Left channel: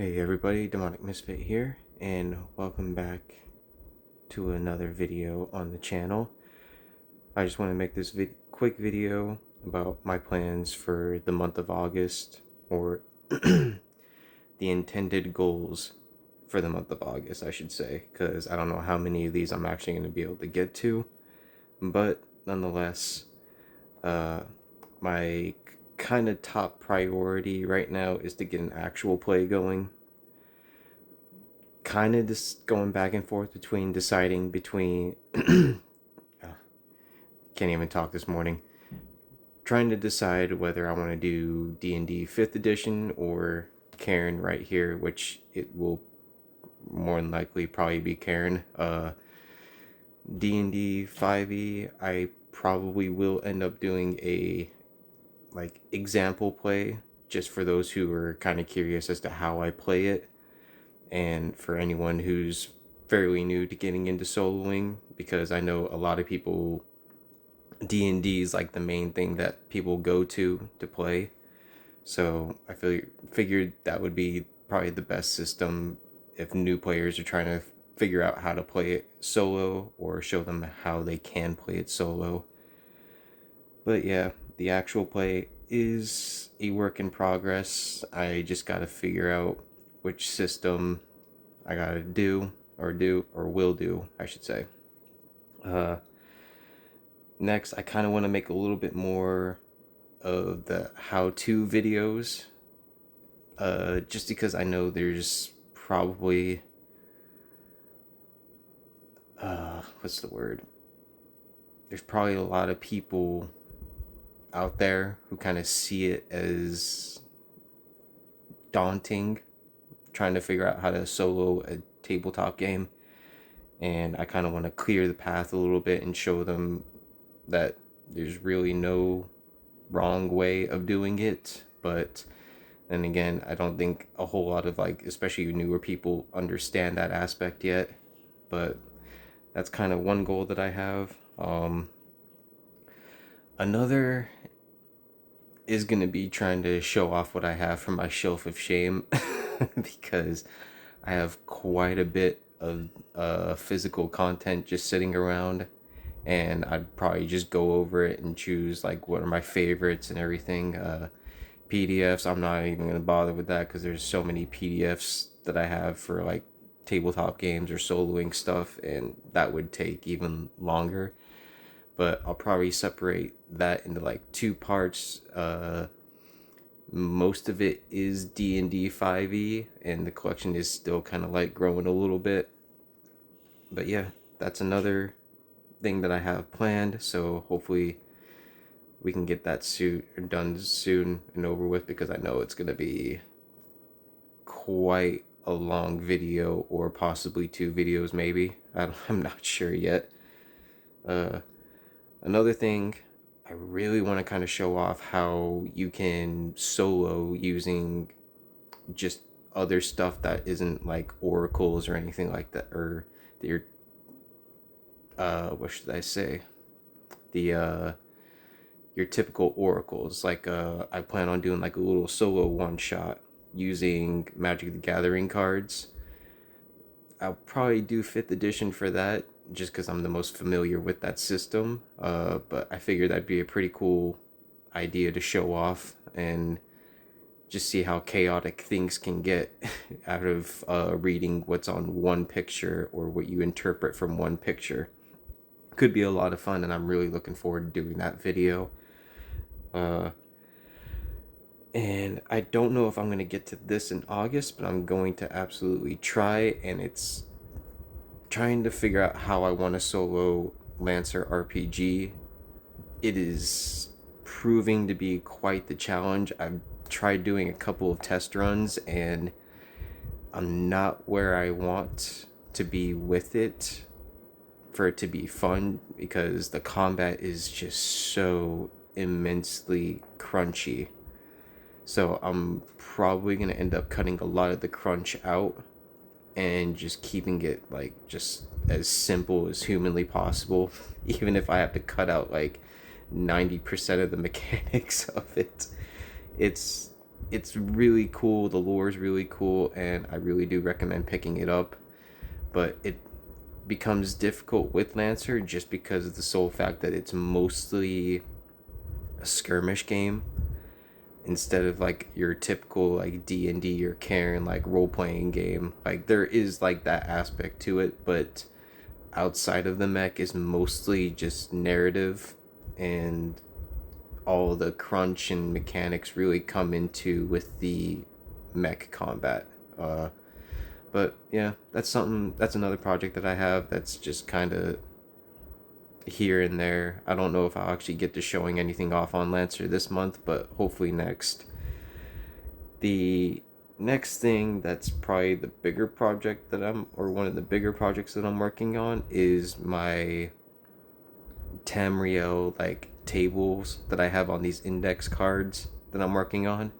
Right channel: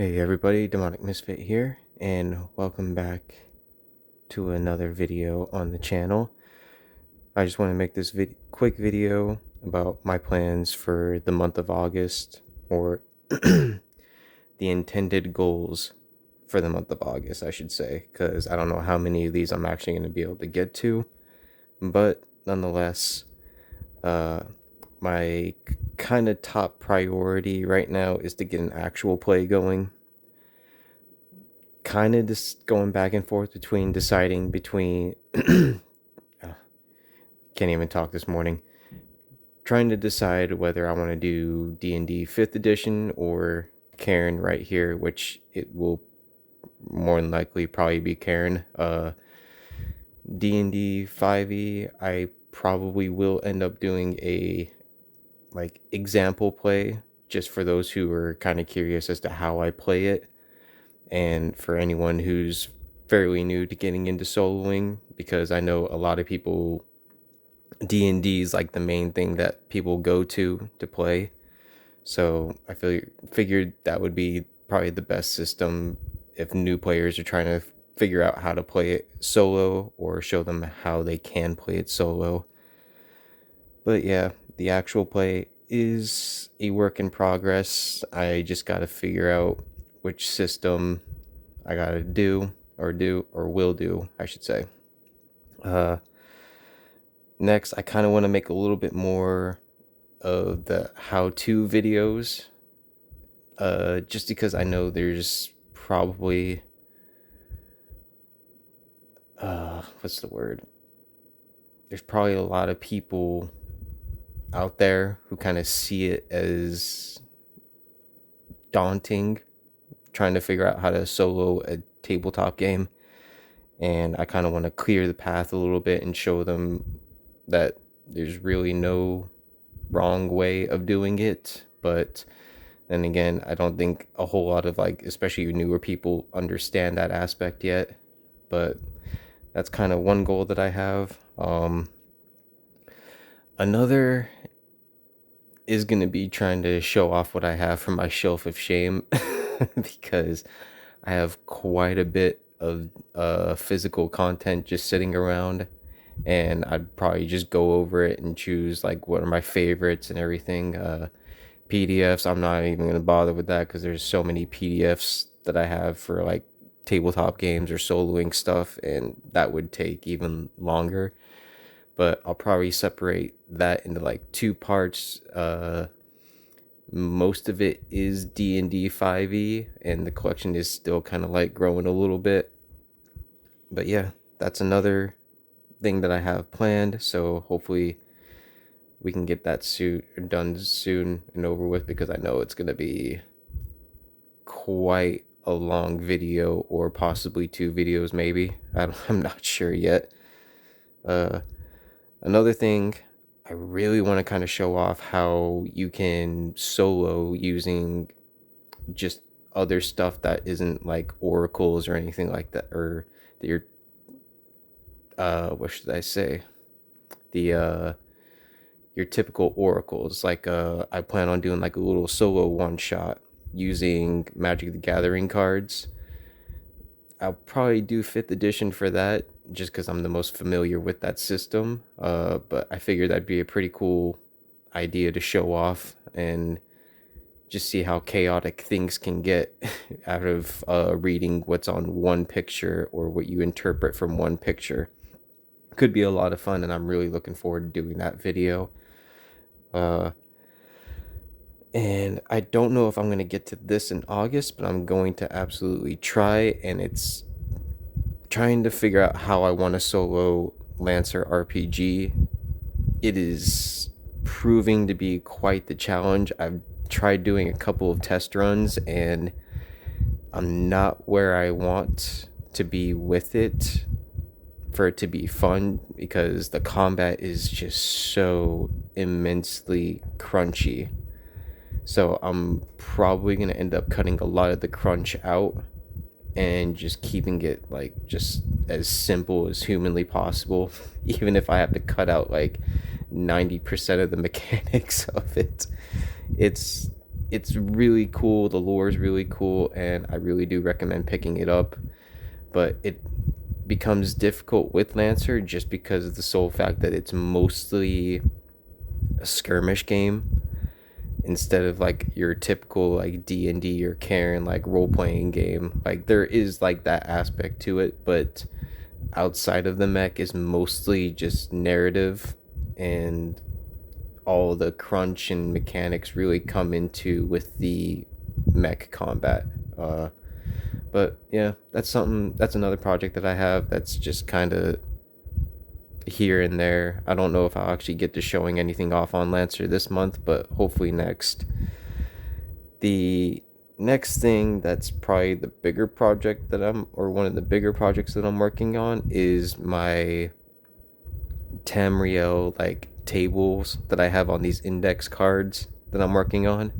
Hey everybody, DemonicMisfit here, and welcome back to another video on the channel. I just want to make this quick video about my plans for the month of August, or the intended goals for the month of August, I should say, because I don't know how many of these I'm actually going to be able to get to, but nonetheless, my kind of top priority right now is to get an actual play going. Kind of just going back and forth between deciding between can't even talk this morning, trying to decide whether I want to do D&D 5th edition or Karen right here, which it will more than likely probably be Karen. D&D 5e, I probably will end up doing a example play just for those who are kind of curious as to how I play it, and for anyone who's fairly new to getting into soloing, because I know a lot of people, D&D is like the main thing that people go to play. So I figured that would be probably the best system if new players are trying to figure out how to play it solo, or show them how they can play it solo. But yeah, the actual play is a work in progress. I just got to figure out which system I gotta do or will do, I should say. Next, I kind of want to make a little bit more of the how-to videos, just because I know there's probably what's the word? There's probably a lot of people out there who kind of see it as daunting, trying to figure out how to solo a tabletop game, and I kind of want to clear the path a little bit and show them that there's really no wrong way of doing it. But then again, I don't think a whole lot of especially newer people understand that aspect yet. But that's kind of one goal that I have. Another is going to be trying to show off what I have from my shelf of shame because I have quite a bit of physical content just sitting around, and I'd probably just go over it and choose what are my favorites and everything. PDFs, I'm not even going to bother with that because there's so many PDFs that I have for tabletop games or soloing stuff, and that would take even longer. But I'll probably separate that into two parts. Most of it is D&D 5e, and the collection is still kind of growing a little bit. But yeah, that's another thing that I have planned, so hopefully we can get that done soon and over with, because I know it's going to be quite a long video, or possibly 2 videos maybe. I'm not sure yet. Another thing, I really want to kind of show off how you can solo using just other stuff that isn't oracles or anything like that, or your what should I say, the your typical oracles. I plan on doing a little solo one shot using Magic the Gathering cards. I'll probably do 5th edition for that, just because I'm the most familiar with that system. But I figured that'd be a pretty cool idea to show off and just see how chaotic things can get out of reading what's on one picture, or what you interpret from one picture. Could be a lot of fun, and I'm really looking forward to doing that video. And I don't know if I'm going to get to this in August, but I'm going to absolutely try, and it's trying to figure out how I want to solo Lancer RPG. It is proving to be quite the challenge. I've tried doing a couple of test runs, and I'm not where I want to be with it for it to be fun, because the combat is just so immensely crunchy. So I'm probably going to end up cutting a lot of the crunch out and just keeping it just as simple as humanly possible, even if I have to cut out 90% of the mechanics of it. It's it's really cool. The lore is really cool, and I really do recommend picking it up. But it becomes difficult with Lancer just because of the sole fact that it's mostly a skirmish game instead of like your typical like D&D or Karen like role-playing game. Like there is like that aspect to it, but outside of the mech is mostly just narrative, and all the crunch and mechanics really come into with the mech combat. But yeah, that's another project that I have that's just kind of here and there. I don't know if I'll actually get to showing anything off on Lancer this month, but hopefully next. The next thing that's probably the bigger project that or one of the bigger projects that I'm working on is my Tamriel like tables that I have on these index cards that I'm working on.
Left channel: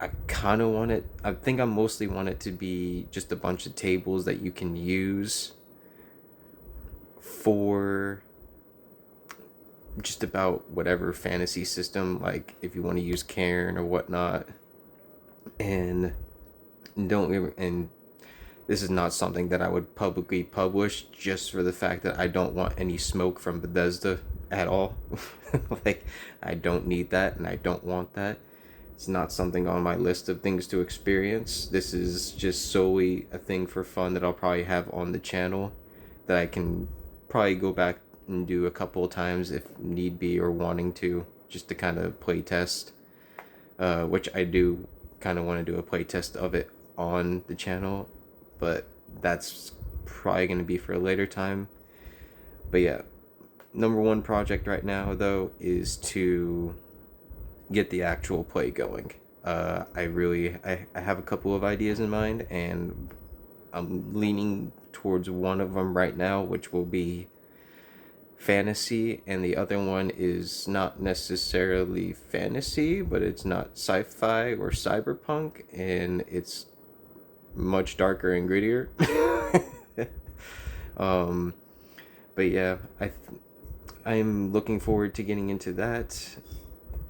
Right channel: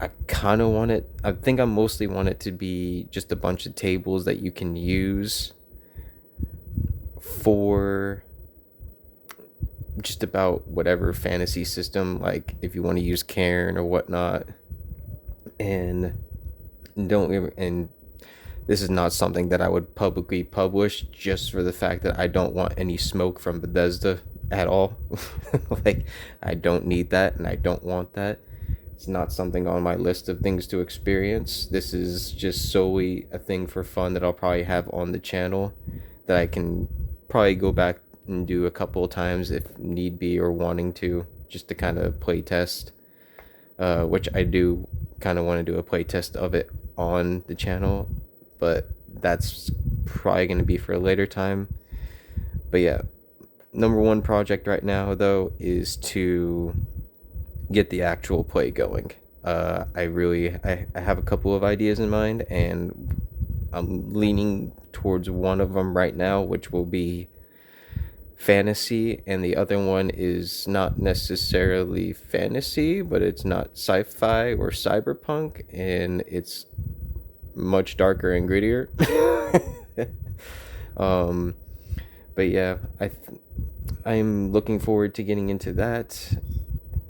I kind of want it, I think I mostly want it to be just a bunch of tables that you can use for just about whatever fantasy system, like if you want to use Cairn or whatnot. And and this is not something that I would publicly publish, just for the fact that I don't want any smoke from Bethesda at all. Like, I don't need that, and I don't want that. It's not something on my list of things to experience. This is just solely a thing for fun that I'll probably have on the channel that I can probably go back and do a couple of times if need be, or wanting to, just to kind of play test. Which I do kind of want to do a play test of it on the channel, but that's probably going to be for a later time. But yeah, number one project right now though is to get the actual play going. I have a couple of ideas in mind, and I'm leaning towards one of them right now, which will be fantasy, and the other one is not necessarily fantasy, but it's not sci-fi or cyberpunk, and it's much darker and grittier. um but yeah, I'm looking forward to getting into that.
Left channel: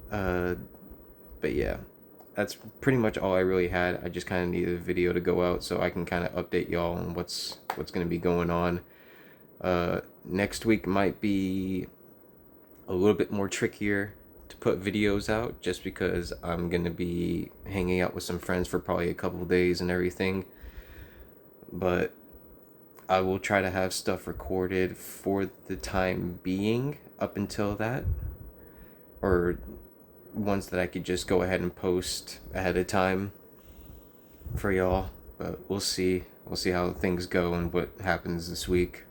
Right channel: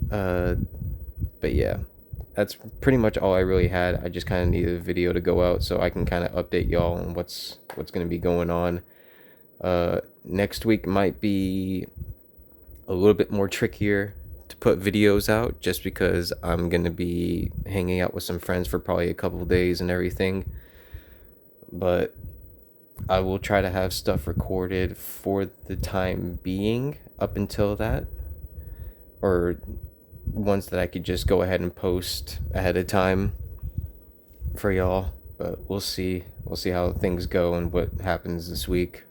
But yeah, that's pretty much all I really had. I just kind of needed a video to go out so I can kind of update y'all on what's going to be going on. Next week might be a little bit more trickier to put videos out, just because I'm going to be hanging out with some friends for probably a couple days and everything. But I will try to have stuff recorded for the time being up until that, or ones that I could just go ahead and post ahead of time for y'all. But we'll see how things go and what happens this week.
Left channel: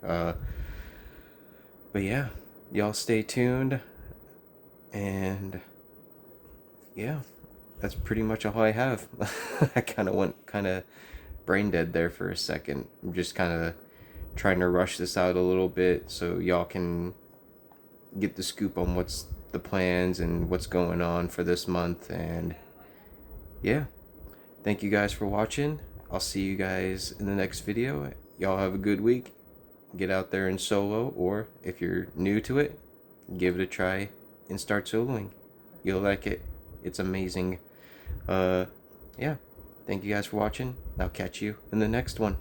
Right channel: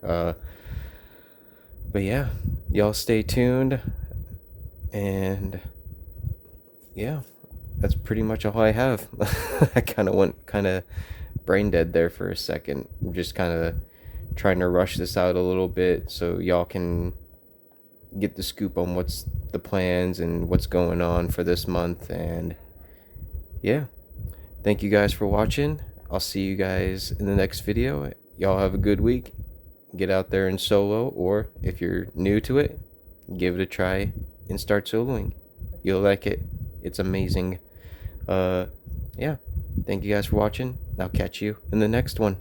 But yeah, y'all stay tuned, and yeah, that's pretty much all I have. I kind of went brain dead there for a second. I'm just kind of trying to rush this out a little bit so y'all can get the scoop on what's the plans and what's going on for this month. And yeah, thank you guys for watching. I'll see you guys in the next video. Y'all have a good week. Get out there and solo, or if you're new to it, give it a try and start soloing. You'll like it. It's amazing. Yeah, thank you guys for watching. I'll catch you in the next one.